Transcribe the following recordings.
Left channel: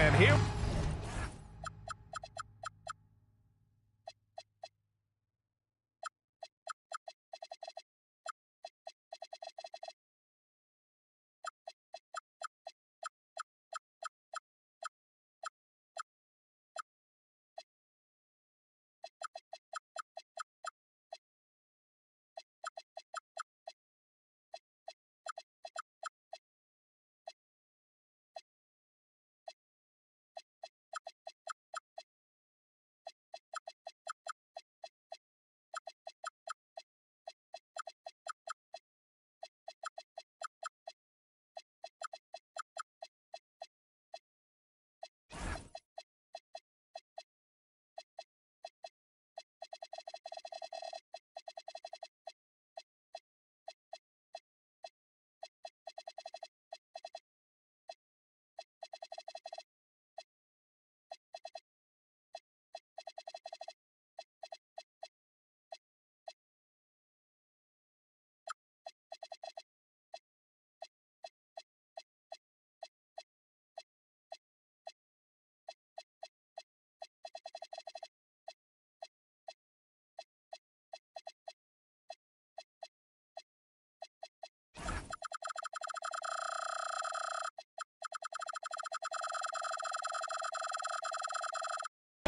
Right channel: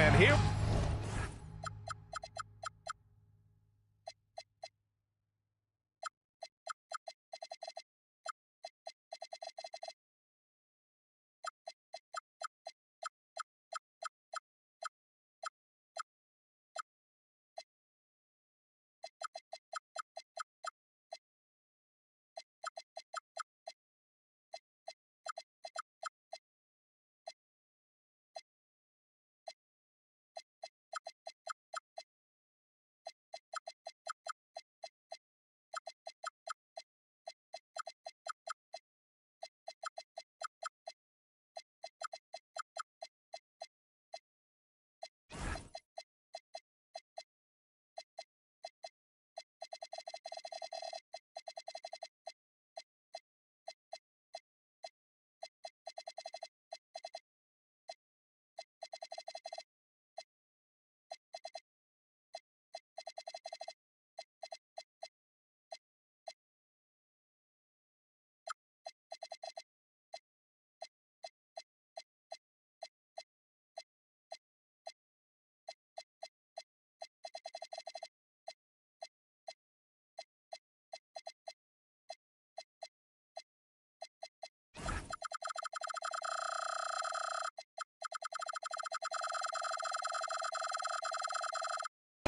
and here.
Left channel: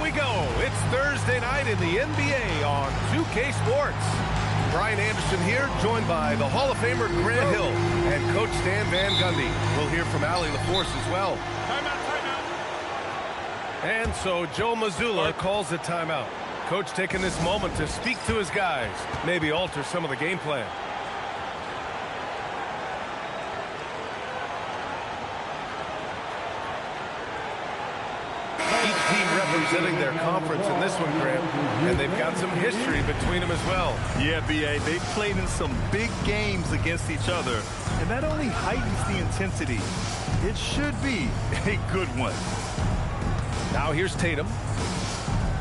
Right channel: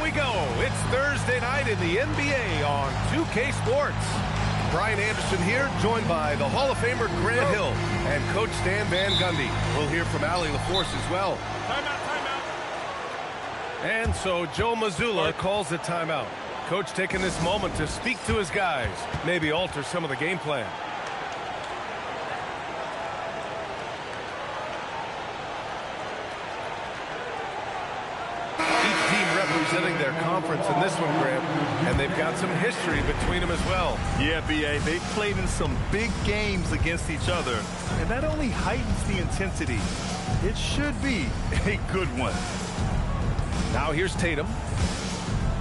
We go. It's Thursday night in the NBA on 2K Sports. Brian Anderson here, joined by the Hall of Famer Grant Hill and Coach Stan Van Gundy. We'll hear from Allie LaForce as well. Timeout, timeout. And so Joe Mazzulla calls a timeout. Coach taking this moment to speak to his guys, maybe alter some of the game plan. Each team representing their conference in this one, Graham, and they've got some history between them as well. Yeah, B.A., they've played in some big games against each other, and that only heightens the intensity. It should be a good one. Now here's Tatum.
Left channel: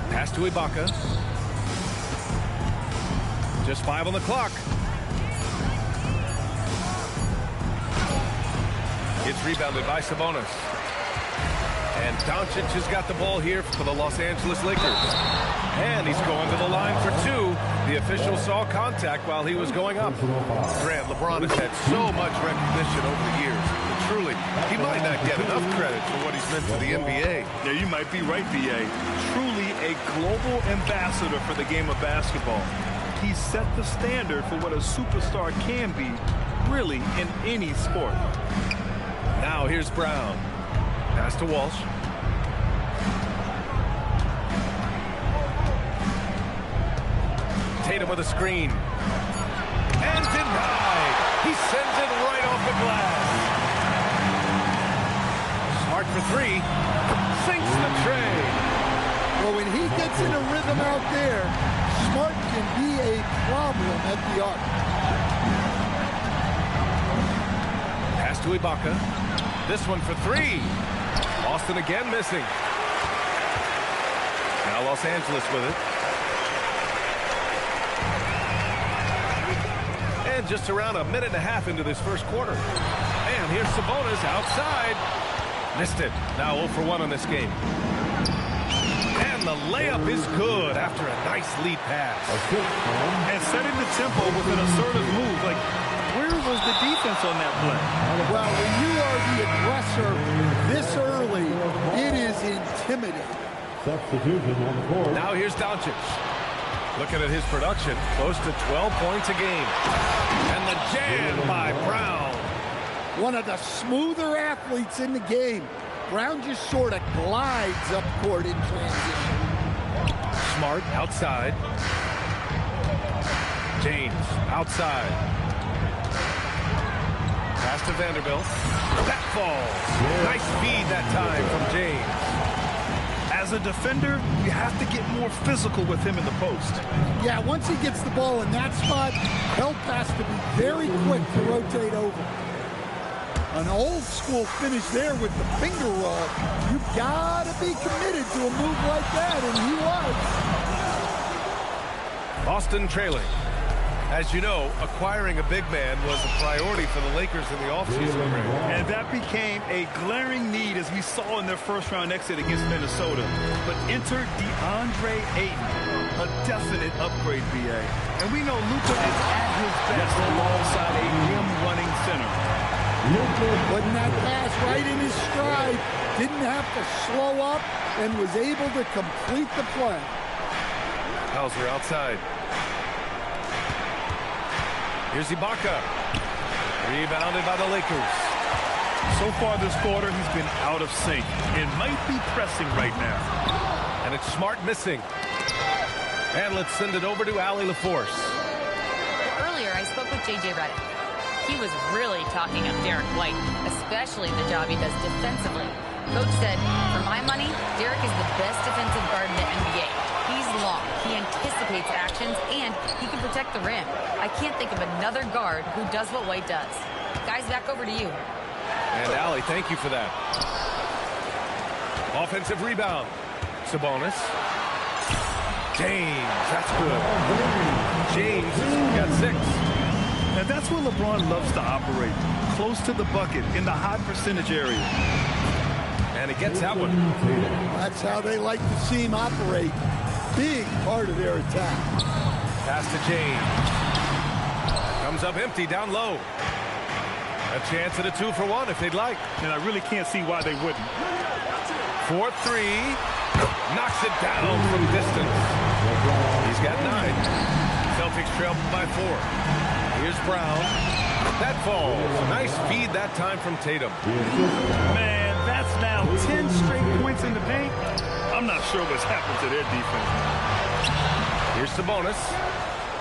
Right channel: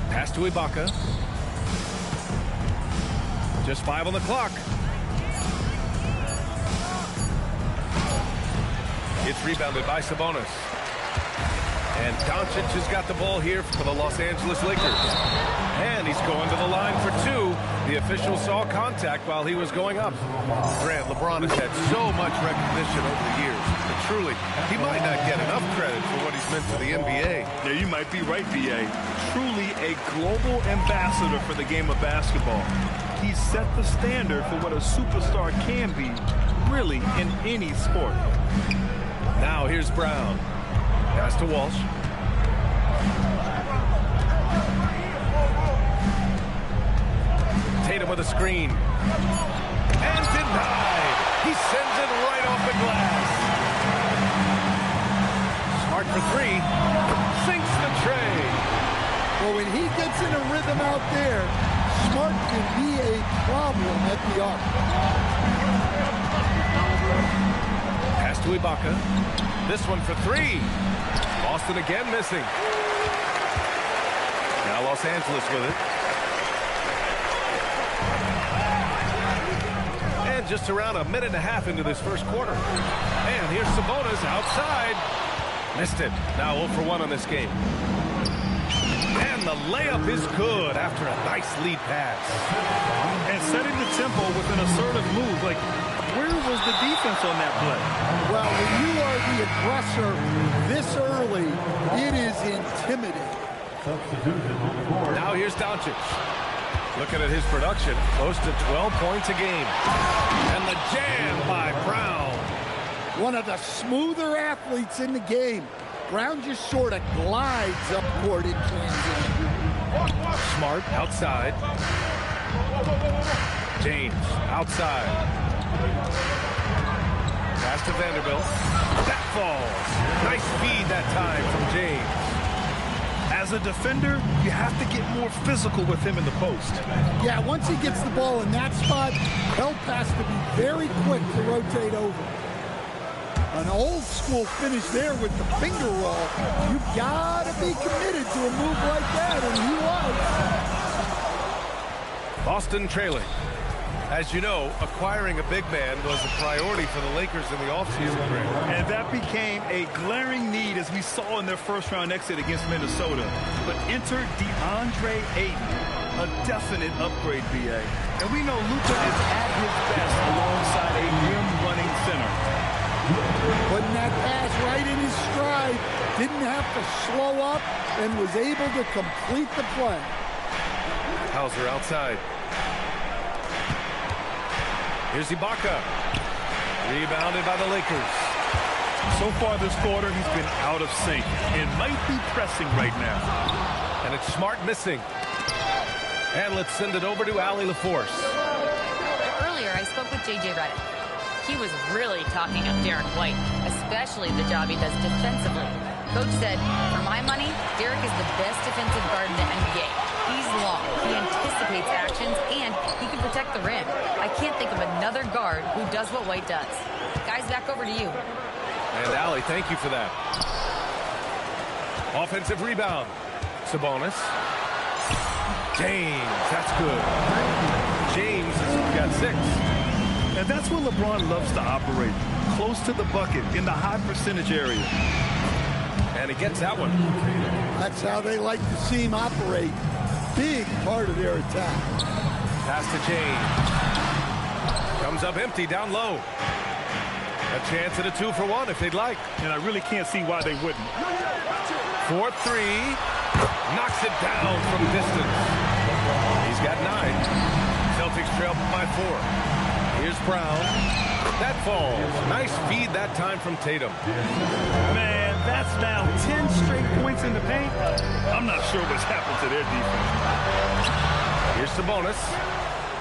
Pass to Ibaka. Just 5 on the clock. It's rebounded by Sabonis. And Doncic has got the ball here for the Los Angeles Lakers. And he's going to the line for 2. The official saw contact while he was going up. Grant, LeBron has had so much recognition over the years, but truly, he might not get enough credit for what he's meant to the NBA. Yeah, you might be right, B.A. Truly a global ambassador for the game of basketball. He set the standard for what a superstar can be, really, in any sport. Now here's Brown. Pass to Walsh. Tatum with a screen. And denied. He sends it right off the glass. Smart for 3. Sinks the tray. Well, when he gets in a rhythm out there, Smart can be a problem at the arc. Pass to Ibaka. This one for 3. Boston again missing. Now Los Angeles with it. And just around a minute and a half into this first quarter. And here's Sabonis outside. Missed it. Now 0 for 1 on this game. And the layup is good after a nice lead pass. And setting the tempo with an assertive move. Like, where was the defense on that play? Well, when you are the aggressor this early, it is intimidating. Now here's Doncic. Looking at his production, close to 12 points a game. And the jam by Brown. One of the smoother athletes in the game. Brown just sort of glides up court in transition. Smart outside. James outside. Pass to Vanderbilt. That falls. Nice feed that time from James. As a defender, you have to get more physical with him in the post. Yeah, once he gets the ball in that spot, help has to be very quick to rotate over. An old school finish there with the finger roll. You've got to be committed to a move like that, and he was. Boston trailing. As you know, acquiring a big man was a priority for the Lakers in the offseason, Grant. And that became a glaring need as we saw in their first-round exit against Minnesota. But enter DeAndre Ayton, a definite upgrade, B.A. And we know Luka is at his best alongside a rim-running center. Putting that pass right in his stride, didn't have to slow up, and was able to complete the play. Hauser outside. Here's Ibaka. Rebounded by the Lakers. So far this quarter, he's been out of sync and might be pressing right now. And it's Smart missing. And let's send it over to Allie LaForce. Earlier, I spoke with J.J. Redick. He was really talking up Derek White, especially the job he does defensively. Coach said, for my money, Derek is the best defensive guard in the NBA. He's long, he anticipates actions, and he can protect the rim. I can't think of another guard who does what White does. Guys, back over to you. And Allie, thank you for that. Offensive rebound. Sabonis. James, that's good. James has got 6. And that's where LeBron loves to operate, close to the bucket in the high percentage area. And he gets that one. That's how they like to see him operate. Big part of their attack. Pass to James. Comes up empty down low. A chance at a 2-for-1 if they'd like. And I really can't see why they wouldn't. 4-3. Knocks it down from distance. He's got 9. Celtics trail by 4. Here's Brown. That falls. Nice feed that time from Tatum. Man, that's now 10 straight points in the paint. I'm not sure what's happened to their defense. Here's Sabonis.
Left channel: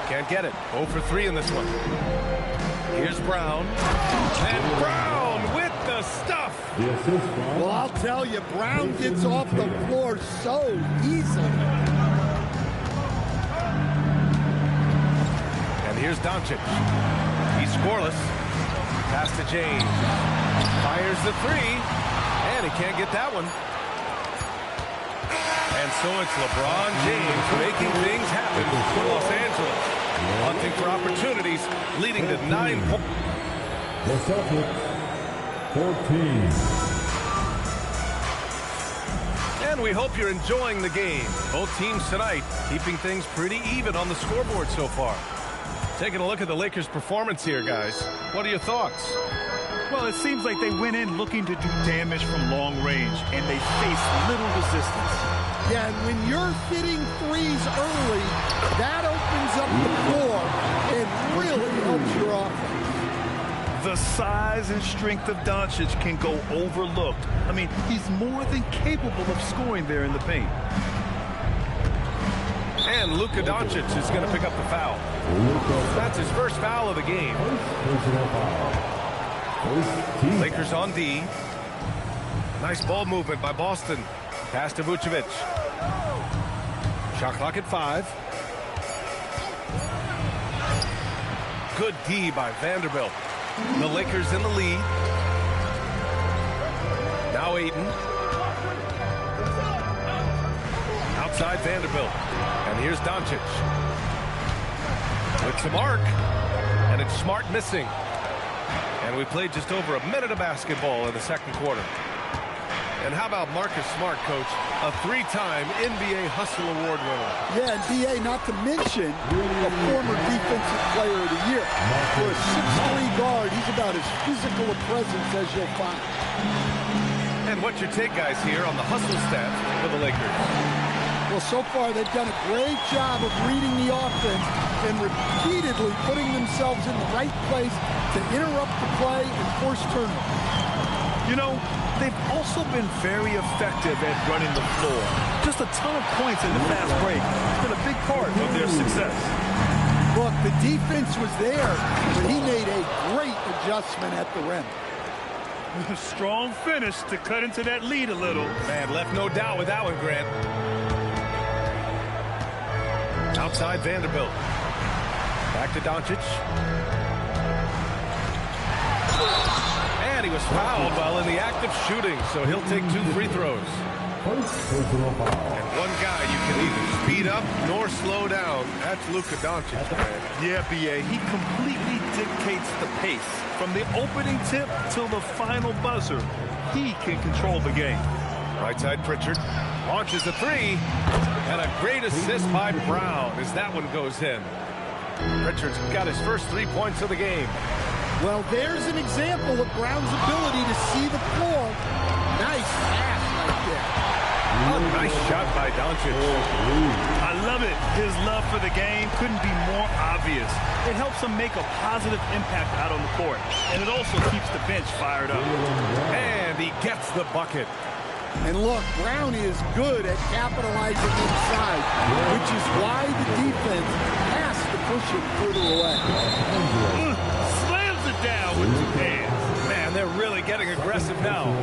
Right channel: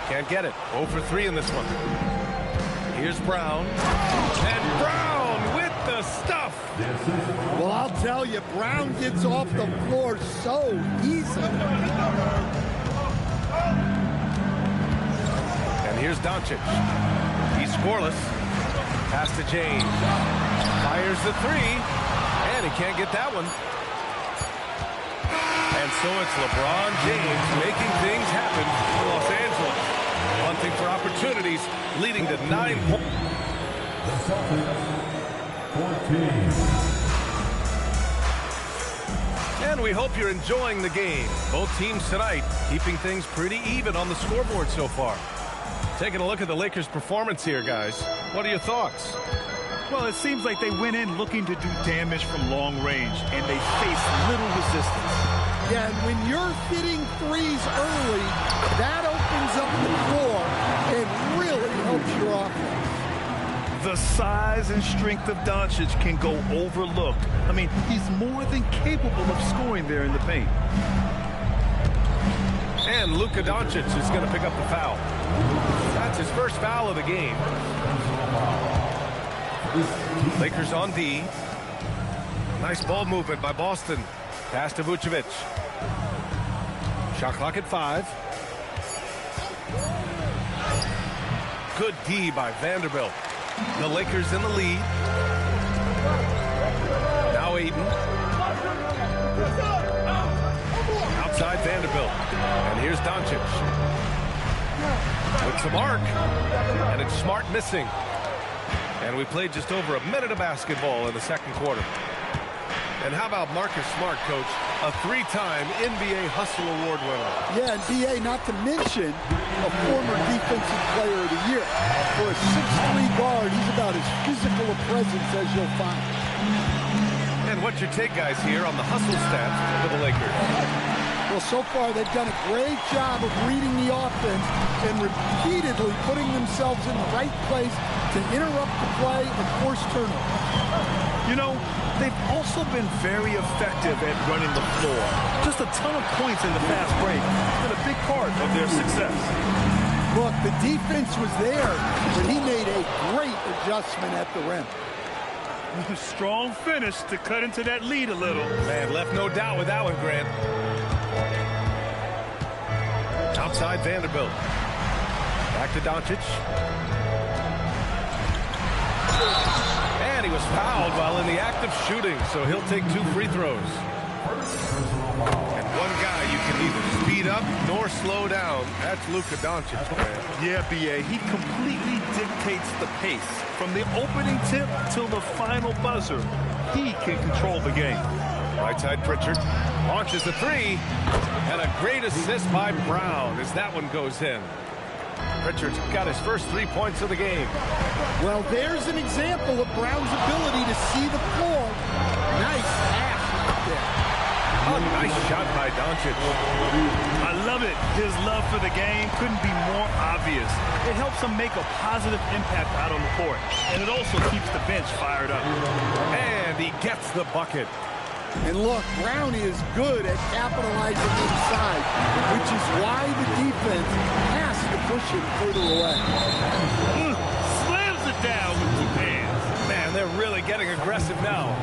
Can't get it. 0 for 3 in this one. Here's Brown. And Brown with the stuff. Well, I'll tell you, Brown gets off the floor so easily. And here's Doncic. He's scoreless. Pass to James. Fires the 3. And he can't get that one. And so it's LeBron James making things happen for Los Angeles. Hunting for opportunities, leading to 9 points. The Celtics, 14. And we hope you're enjoying the game. Both teams tonight keeping things pretty even on the scoreboard so far. Taking a look at the Lakers' performance here, guys. What are your thoughts? Well, it seems like they went in looking to do damage from long range, and they faced little resistance. Yeah, and when you're hitting threes early, that opens up the floor and really helps your offense. The size and strength of Doncic can go overlooked. I mean, he's more than capable of scoring there in the paint. And Luka Doncic is going to pick up the foul. That's his first foul of the game. Lakers on D. Nice ball movement by Boston. Pass to Vucevic. Shot clock at 5. Good D by Vanderbilt. The Lakers in the lead. Now Ayton. Outside Vanderbilt. And here's Doncic. With some arc. And it's Smart missing. And we played just over a minute of basketball in the second quarter. And how about Marcus Smart, Coach? A 3-time NBA Hustle Award winner. Yeah, and B.A., not to mention a former Defensive Player of the Year. For a 6'3" guard, he's about as physical a presence as you'll find. And what's your take, guys, here on the hustle stats for the Lakers? Well, so far they've done a great job of reading the offense and repeatedly putting themselves in the right place to interrupt the play and force turnovers. You know, they've also been very effective at running the floor. Just a ton of points in the fast break. It's been a big part of their success. Look, the defense was there, but he made a great adjustment at the rim. Strong finish to cut into that lead a little. Man, left no doubt with that one, Grant. Outside Vanderbilt. Back to Doncic. And he was fouled while in the act of shooting, so he'll take 2 free throws. first personal foul. And one guy you can neither speed up nor slow down. That's Luka Doncic, man. Yeah, B.A., he completely dictates the pace. From the opening tip till the final buzzer, he can control the game. Right side Pritchard launches a three, and a great assist by Brown as that one goes in. Pritchard's got his first 3 points of the game. Well, there's an example of Brown's ability to see the floor. Nice pass right there. A nice shot by Doncic. I love it. His love for the game couldn't be more obvious. It helps him make a positive impact out on the court, and it also keeps the bench fired up. And he gets the bucket. And look, Brown is good at capitalizing inside, which is why the defense has to push him further away. Slams it down with 2 hands. Man, they're really getting aggressive now.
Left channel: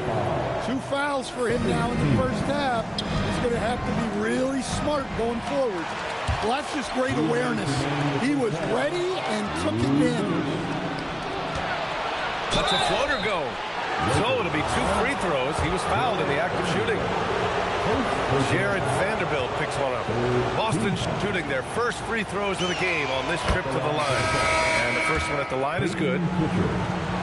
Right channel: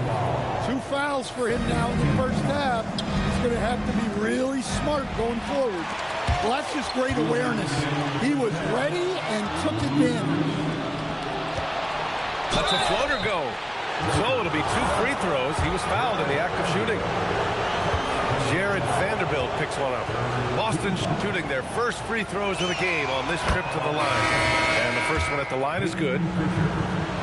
2 fouls for him now in the first half. He's going to have to be really smart going forward. Well, that's just great awareness. He was ready and took advantage. Lets a floater go. So it'll be 2 free throws. He was fouled in the act of shooting. Jared Vanderbilt picks one up. Boston shooting their first free throws of the game on this trip to the line. And the first one at the line is good.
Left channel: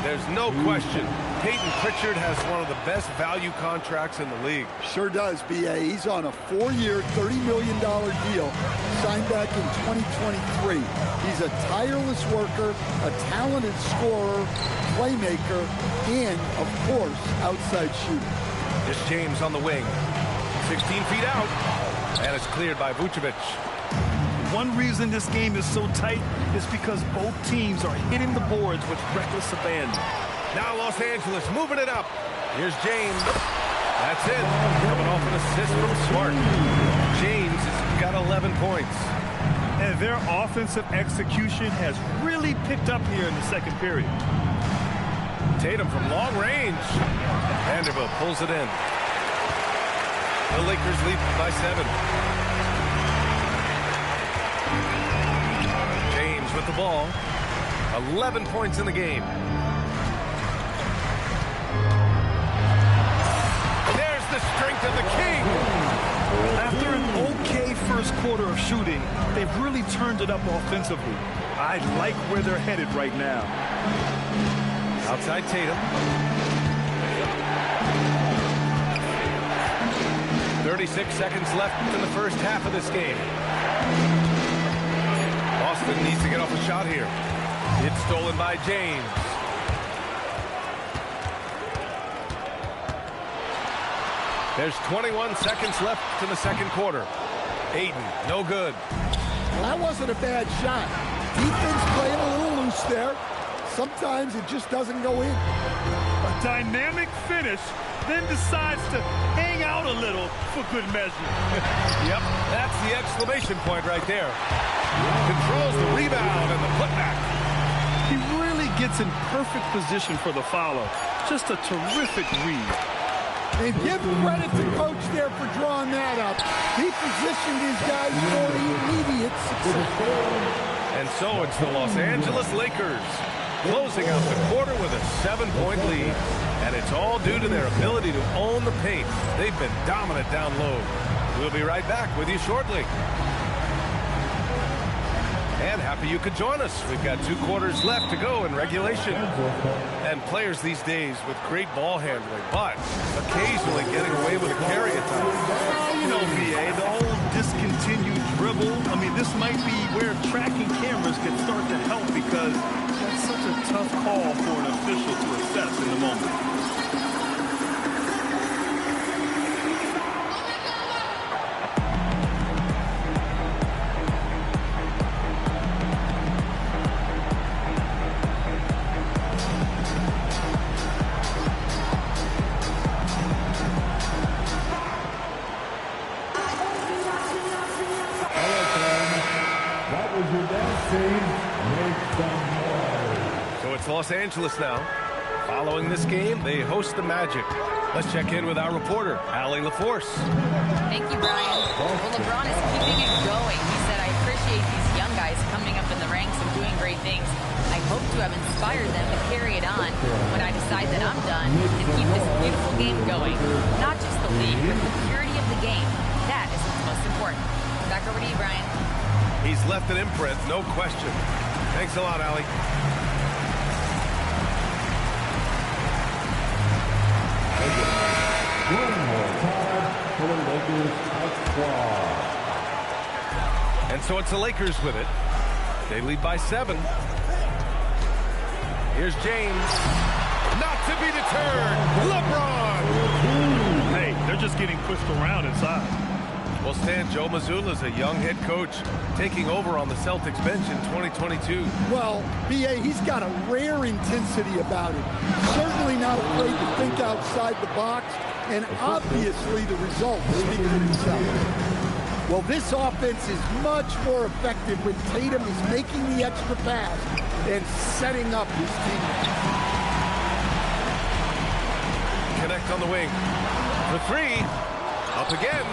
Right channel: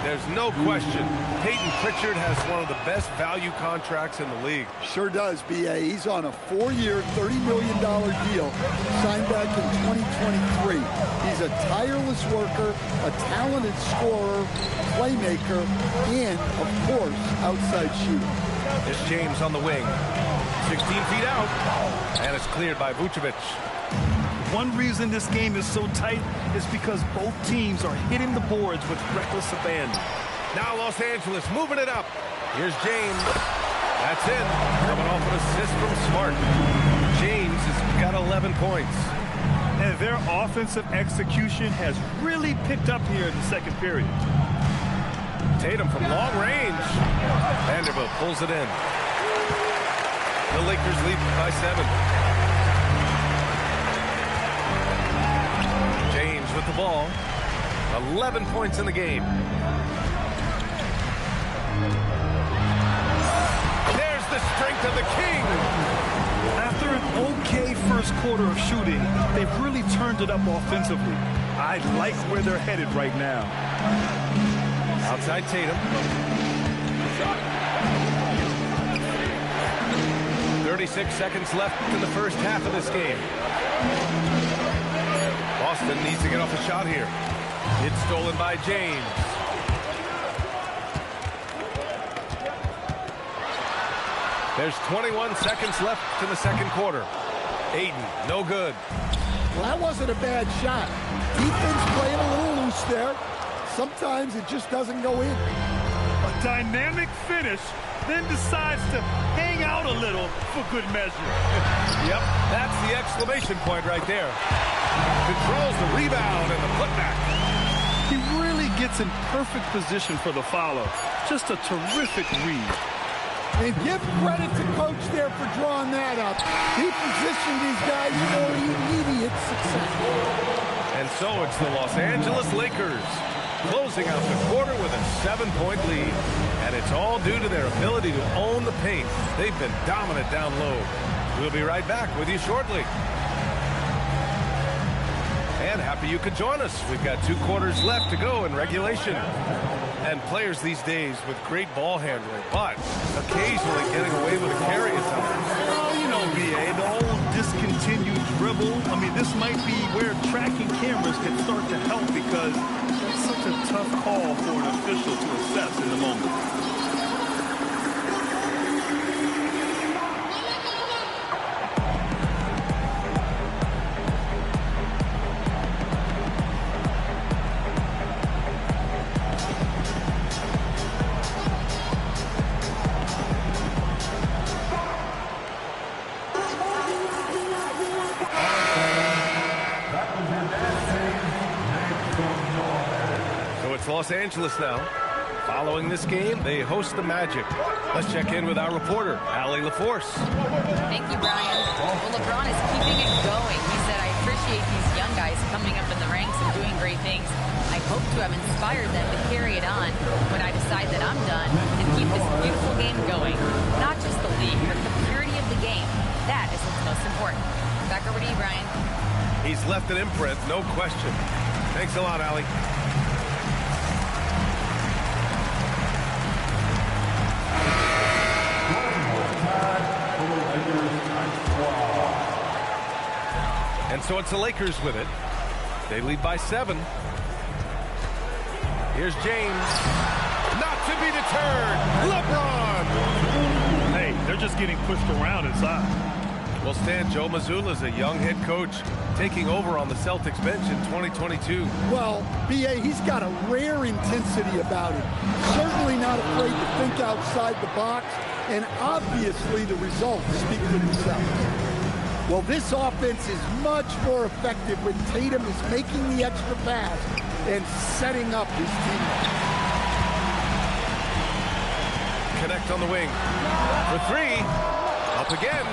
There's no question. Peyton Pritchard has one of the best value contracts in the league. Sure does, B.A. He's on a 4-year, $30 million deal signed back in 2023. He's a tireless worker, a talented scorer, playmaker, and, of course, outside shooter. This James on the wing. 16 feet out. And it's cleared by Vucevic. One reason this game is so tight is because both teams are hitting the boards with reckless abandon. Now Los Angeles moving it up. Here's James. That's it. Coming off an assist from Smart. James has got 11 points. And their offensive execution has really picked up here in the second period. Tatum from long range. Vanderbilt pulls it in. The Lakers lead by 7. James with the ball. 11 points in the game. There's the strength of the King. After an okay first quarter of shooting, they've really turned it up offensively. I like where they're headed right now. Outside Tatum. 36 seconds left in the first half of this game. Boston needs to get off a shot here. It's stolen by James. There's 21 seconds left in the second quarter. Ayton, no good. Well, that wasn't a bad shot. Defense playing a little loose there. Sometimes it just doesn't go in. A dynamic finish, then decides to hang out a little for good measure. Yep, that's the exclamation point right there. Controls the rebound and the putback. He really gets in perfect position for the follow. Just a terrific read. And give credit to Coach there for drawing that up. He positioned these guys for immediate success. And so it's the Los Angeles Lakers closing out the quarter with a 7-point lead. And it's all due to their ability to own the paint. They've been dominant down low. We'll be right back with you shortly. And happy you could join us. We've got 2 quarters left to go in regulation. And players these days with great ball handling, but occasionally getting away with a carry at times. Well, you know, B.A., the old discontinued dribble. I mean, this might be where tracking cameras can start to help because that's such a tough call for an official to assess in the moment. Los Angeles now. Following this game, they host the Magic. Let's check in with our reporter, Allie LaForce. Thank you, Brian. Well, LeBron is keeping it going. He said, I appreciate these young guys coming up in the ranks and doing great things. I hope to have inspired them to carry it on when I decide that I'm done and keep this beautiful game going. Not just the league, but the purity of the game. That is what's most important. Back over to you, Brian. He's left an imprint, no question. Thanks a lot, Allie. And so it's the Lakers with it. They lead by 7. Here's James. Not to be deterred. LeBron. Hey, they're just getting pushed around inside. Well, Stan, Joe Mazzulla is a young head coach taking over on the Celtics bench in 2022. Well, B.A., he's got a rare intensity about him. Certainly not afraid to think outside the box, and obviously the results speak for themselves. Well, this offense is much more effective when Tatum is making the extra pass and setting up his teammates. Connect on the wing. For 3. Up again.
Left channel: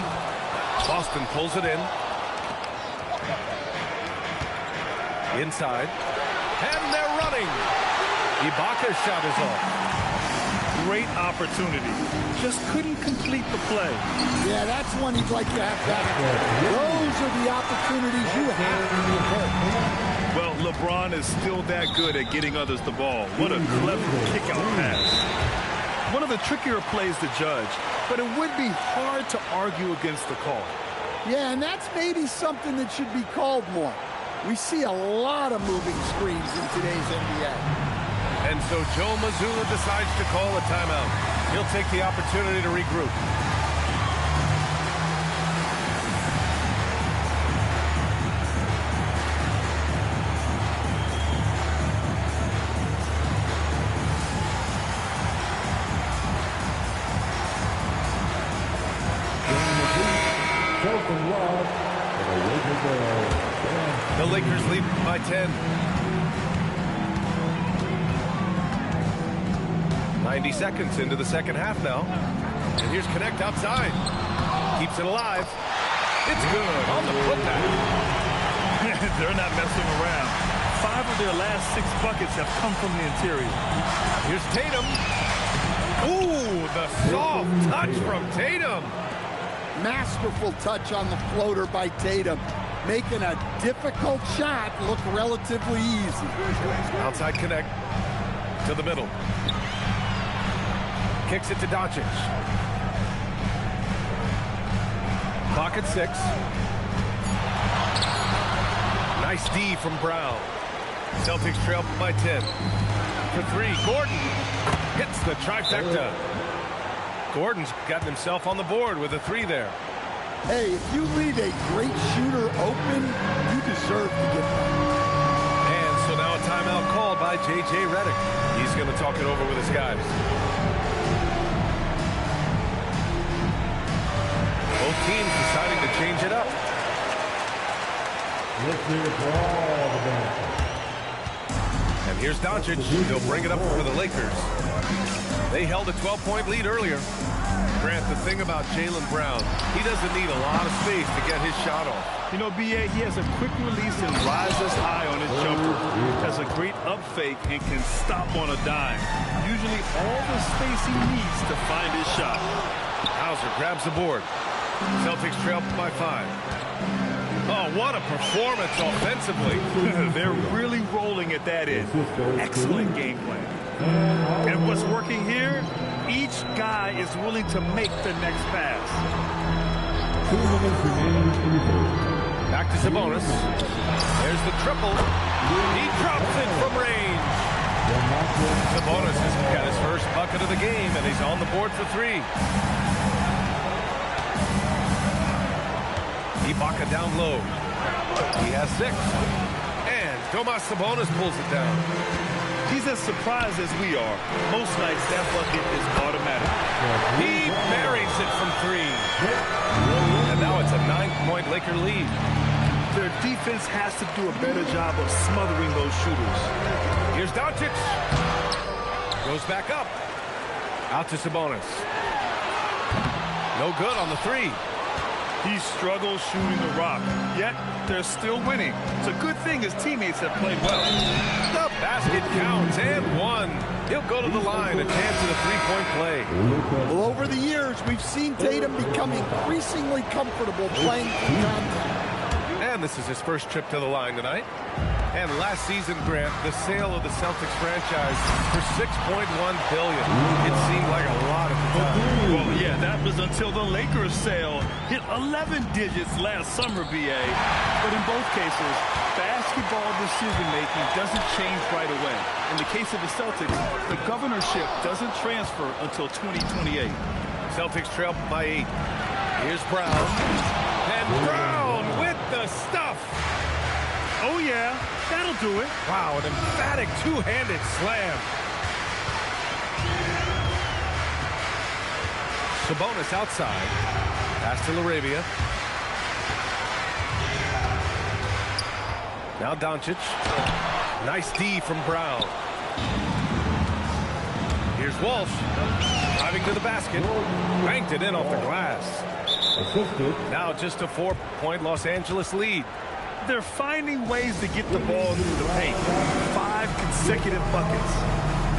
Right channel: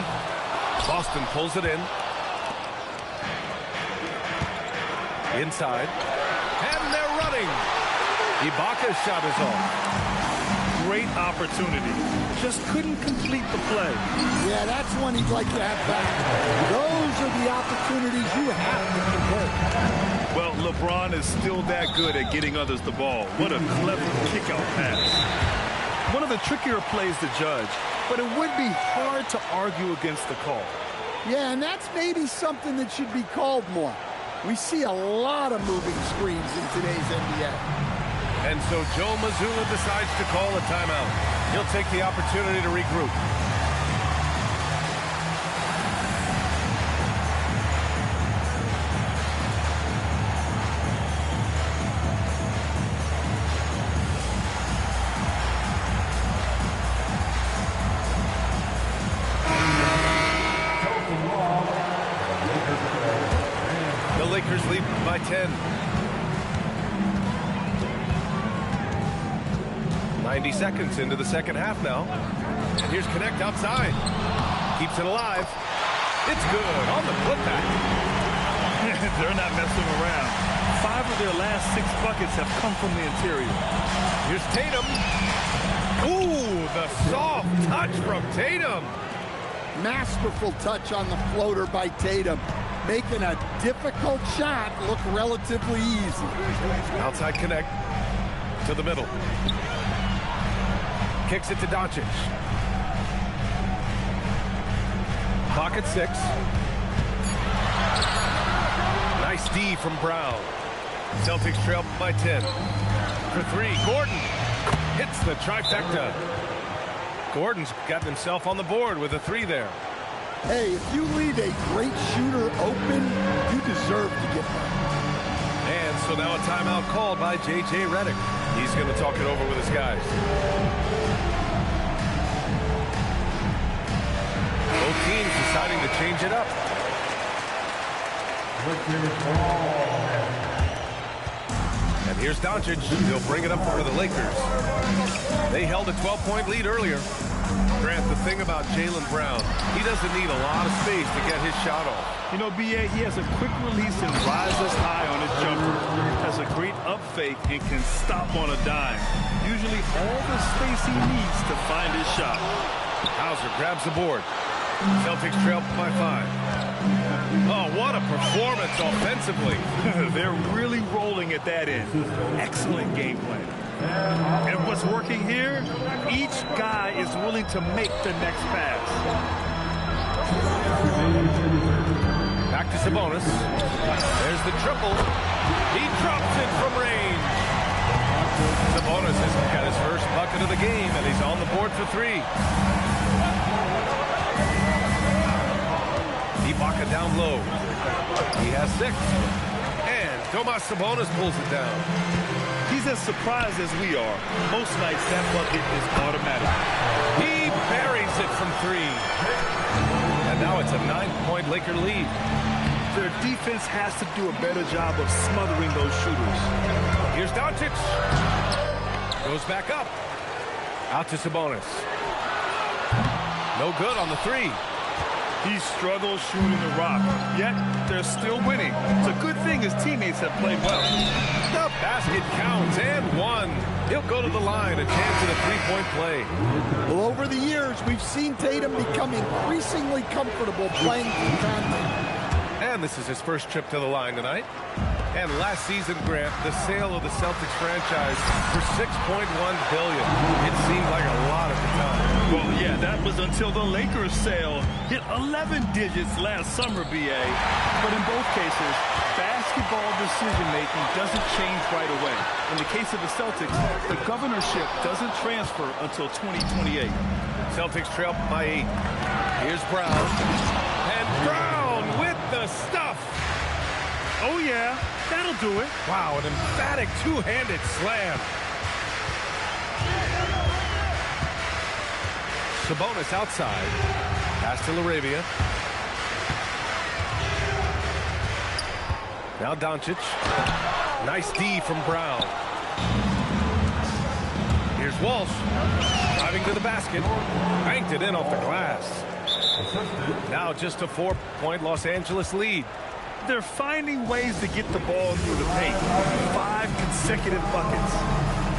Boston pulls it in. Inside. And they're running. Ibaka's shot is off. Great opportunity. Just couldn't complete the play. Yeah, that's one he'd like to have back. Those are the opportunities you have to convert. Well, LeBron is still that good at getting others the ball. What a clever kick-out pass. One of the trickier plays to judge, but it would be hard to argue against the call. Yeah, and that's maybe something that should be called more. We see a lot of moving screens in today's NBA. And so Joe Mazzulla decides to call a timeout. He'll take the opportunity to regroup. The Lakers lead by 10. 90 seconds into the second half now. And here's Connect outside. Keeps it alive. It's good on the putback. They're not messing around. 5 of their last 6 buckets have come from the interior. Here's Tatum. Ooh, the soft touch from Tatum. Masterful touch on the floater by Tatum, making a difficult shot look relatively easy. Outside Connect to the middle. Kicks it to Doncic. Clock at 6. Nice D from Brown. Celtics trail by 10. For 3, Gordon hits the trifecta. Gordon's gotten himself on the board with a 3 there. Hey, if you leave a great shooter open, you deserve to get that. And so now a timeout called by J.J. Redick. He's going to talk it over with his guys. Both teams deciding to change it up. And here's Doncic. He'll bring it up for the Lakers. They held a 12-point lead earlier. Grant, the thing about Jaylen Brown, he doesn't need a lot of space to get his shot off. You know, B.A., he has a quick release and rises high on his jumper. Has a great up fake and can stop on a dime. Usually all the space he needs to find his shot. Hauser grabs the board. Celtics trail by 5. Oh, what a performance offensively. They're really rolling at that end. Excellent game plan. And what's working here? Each guy is willing to make the next pass. Back to Sabonis. There's the triple. He drops it from range. Sabonis has got his first bucket of the game, and he's on the board for 3. Ibaka down low. He has 6. And Domas Sabonis pulls it down. He's as surprised as we are. Most nights that bucket is automatic. He buries it from 3. And now it's a 9-point Laker lead. Their defense has to do a better job of smothering those shooters. Here's Doncic. Goes back up. Out to Sabonis. No good on the 3. He struggles shooting the rock, yet they're still winning. It's a good thing his teammates have played well. The basket counts and one. He'll go to the line, a chance at a three-point play. Well, over the years, we've seen Tatum become increasingly comfortable playing through contact. And this is his first trip to the line tonight. And last season, Grant, the sale of the Celtics franchise for $6.1 billion. It seemed like a lot at the time. Well, yeah, that was until the Lakers sale hit 11 digits last summer, BA. But in both cases, basketball decision-making doesn't change right away. In the case of the Celtics, the governorship doesn't transfer until 2028. Celtics trail by 8. Here's Brown. And Brown with the stuff. Oh, yeah, that'll do it. Wow, an emphatic two-handed slam. Sabonis outside. Pass to LaRavia. Now Doncic. Nice D from Brown. Here's Walsh. Driving to the basket. Banked it in off the glass. Assisted. Now just a 4-point Los Angeles lead. They're finding ways to get the ball through the paint. 5 consecutive buckets.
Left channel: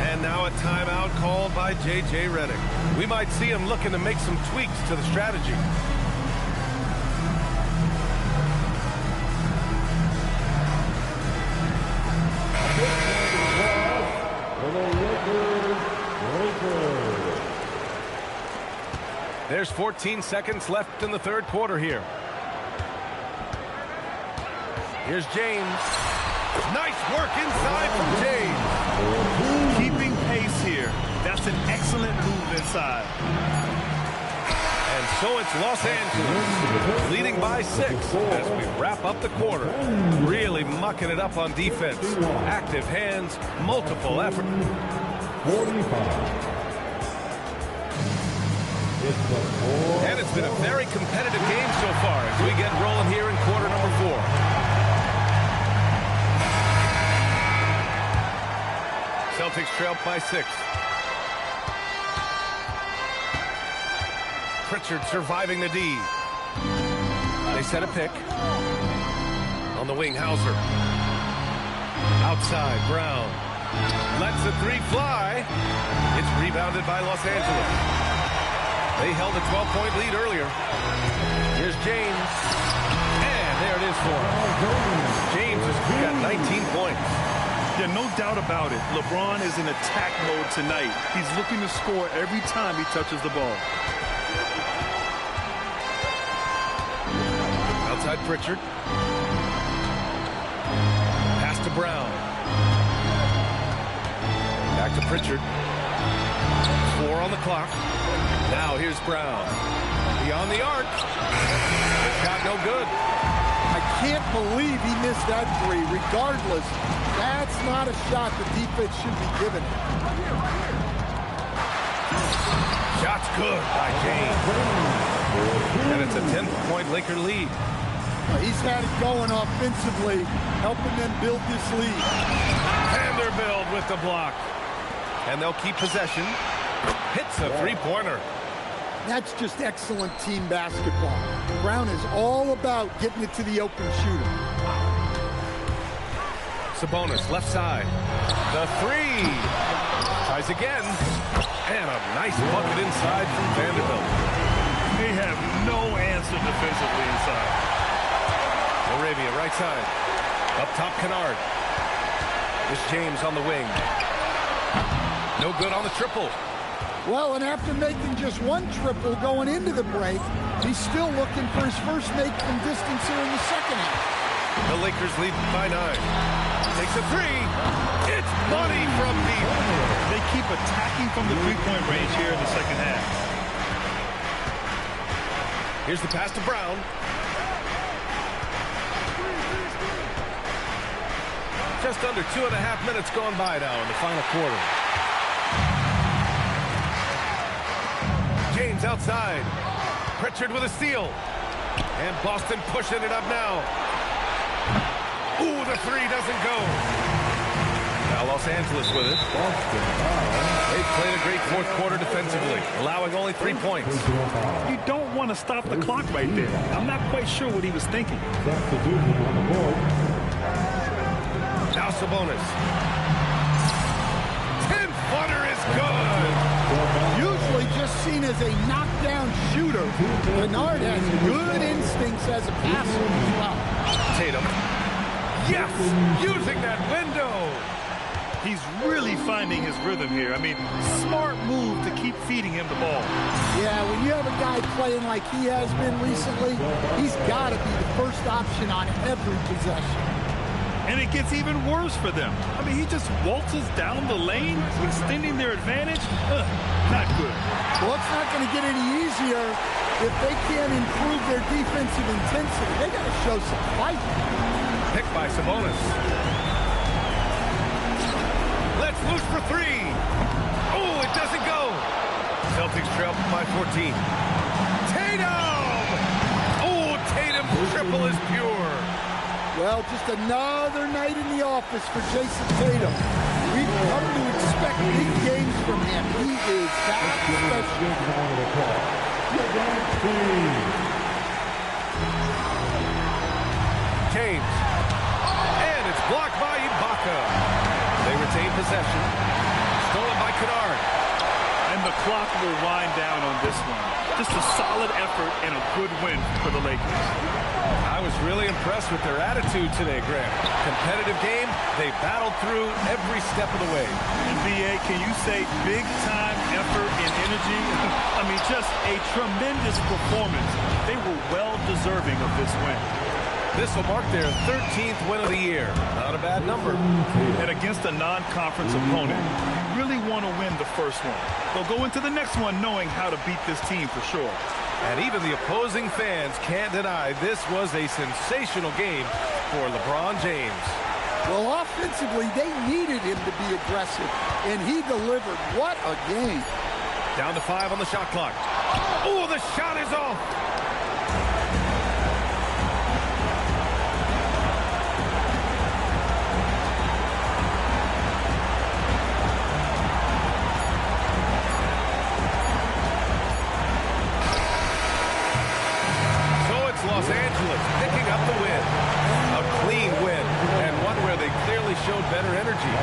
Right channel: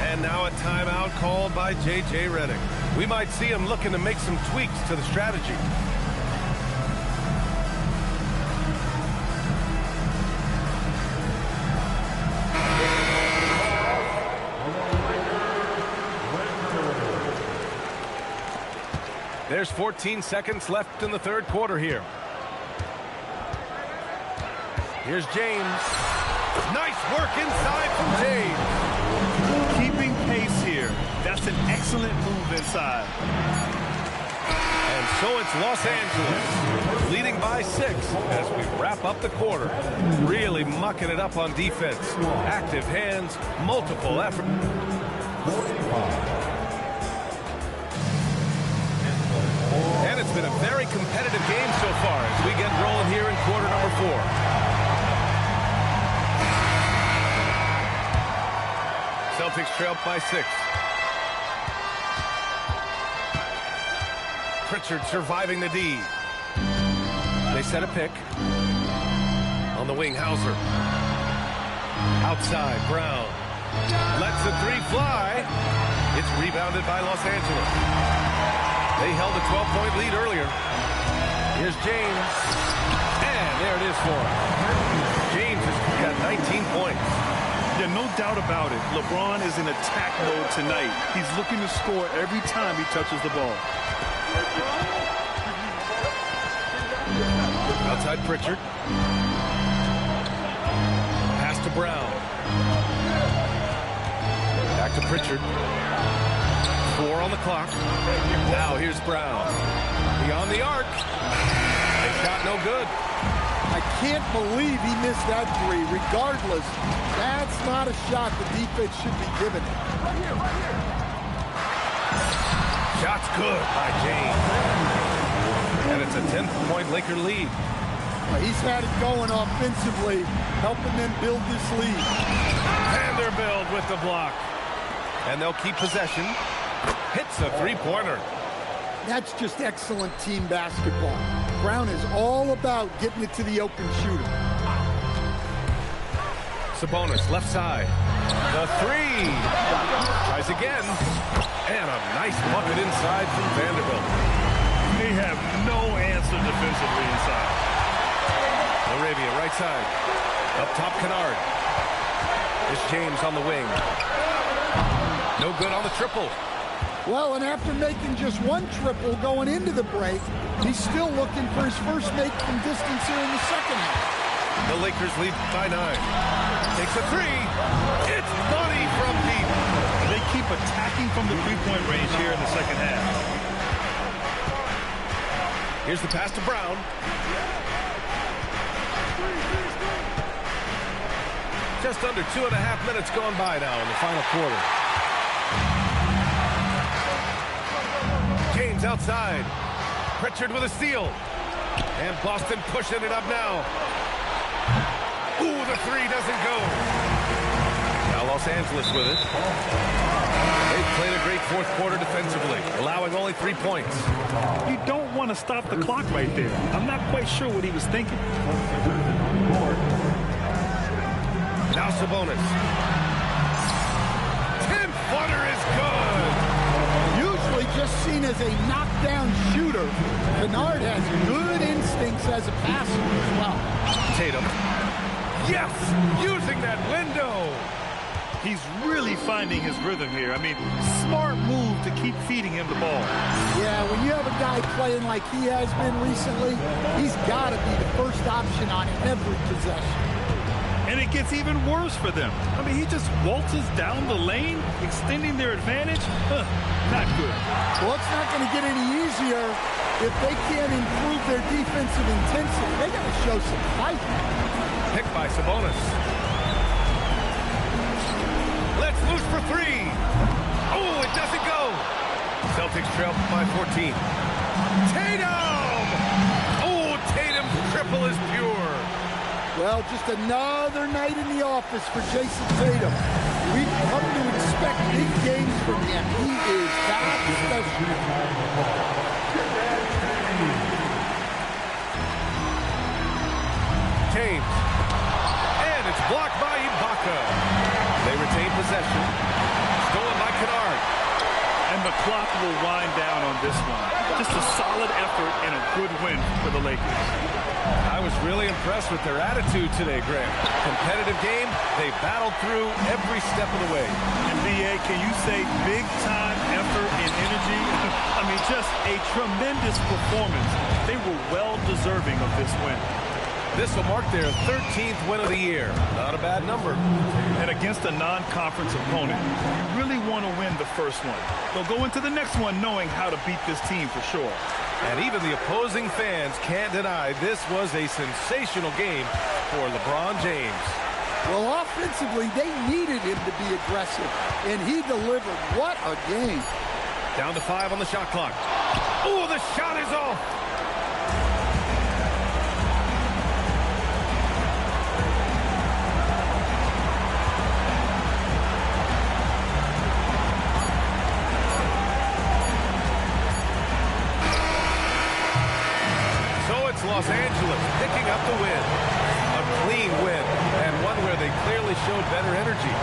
And now a timeout called by J.J. Redick. We might see him looking to make some tweaks to the strategy. There's 14 seconds left in the third quarter here. Here's James. Nice work inside from James. Keeping pace here. That's an excellent move inside. And so it's Los Angeles leading by 6 as we wrap up the quarter. Really mucking it up on defense. Active hands, multiple effort. 45. And it's been a very competitive game so far as we get rolling here in quarter number 4. Celtics trail by 6. Pritchard surviving the D. They set a pick. On the wing, Hauser. Outside, Brown. Lets the 3 fly. It's rebounded by Los Angeles. They held a 12-point lead earlier. Here's James. And there it is for him. James has got 19 points. Yeah, no doubt about it. LeBron is in attack mode tonight. He's looking to score every time he touches the ball. Outside Pritchard. Pass to Brown. Back to Pritchard. 4 on the clock. Now here's Brown. Beyond the arc. The shot no good. I can't believe he missed that 3. Regardless, that's not a shot the defense should be giving it. Shot's good by James. And it's a 10-point Laker lead. He's had it going offensively, helping them build this lead. Vanderbilt with the block. And they'll keep possession. Hits a three-pointer. That's just excellent team basketball. Brown is all about getting it to the open shooter. Sabonis, left side. The 3. Tries again. And a nice bucket inside from Vanderbilt. They have no answer defensively inside. LaRavia, right side. Up top, Kennard. It's James on the wing. No good on the triple. Well, and after making just 1 triple going into the break, he's still looking for his first make from distance here in the second half. The Lakers lead by 9. Takes a 3. It's money from deep. They keep attacking from the three-point range here in the second half. Here's the pass to Brown. Just under 2.5 minutes gone by now in the final quarter. James outside. Pritchard with a steal. And Boston pushing it up now. Ooh, the 3 doesn't go. Now Los Angeles with it. They've played a great fourth quarter defensively, allowing only 3 points. You don't want to stop the clock right there. I'm not quite sure what he was thinking. Substitution on the board. Now Sabonis. 10-footer is good. Usually just seen as a knockdown shooter, Kennard has good instincts as a passer as well. Tatum. Yes, using that window. He's really finding his rhythm here. I mean, smart move to keep feeding him the ball. Yeah, when you have a guy playing like he has been recently, he's got to be the first option on every possession. And it gets even worse for them. I mean, he just waltzes down the lane, extending their advantage. Not good. Well, it's not going to get any easier if they can't improve their defensive intensity. They got to show some fight. Picked by Sabonis. Let's loose for three. Oh, it doesn't go. Celtics trail by 14. Tatum! Oh, Tatum's triple is pure. Well, just another night in the office for Jason Tatum. We've come to expect big games from him. He is that special. James. And it's blocked by Ibaka. They retain possession. Stolen by Kennard. And the clock will wind down on this one. Just a solid effort and a good win for the Lakers. I was really impressed with their attitude today, Graham. Competitive game. They battled through every step of the way. And BA, can you say big-time effort and energy? I mean, just a tremendous performance. They were well deserving of this win. This will mark their 13th win of the year. Not a bad number. And against a non-conference opponent, you really want to win the first one. They'll go into the next one knowing how to beat this team for sure. And even the opposing fans can't deny this was a sensational game for LeBron James. Well, offensively, they needed him to be aggressive, and he delivered. What a game. Down to 5 on the shot clock. Oh, the shot is off. Los Angeles picking up the win. A clean win, and one where they clearly showed better energy.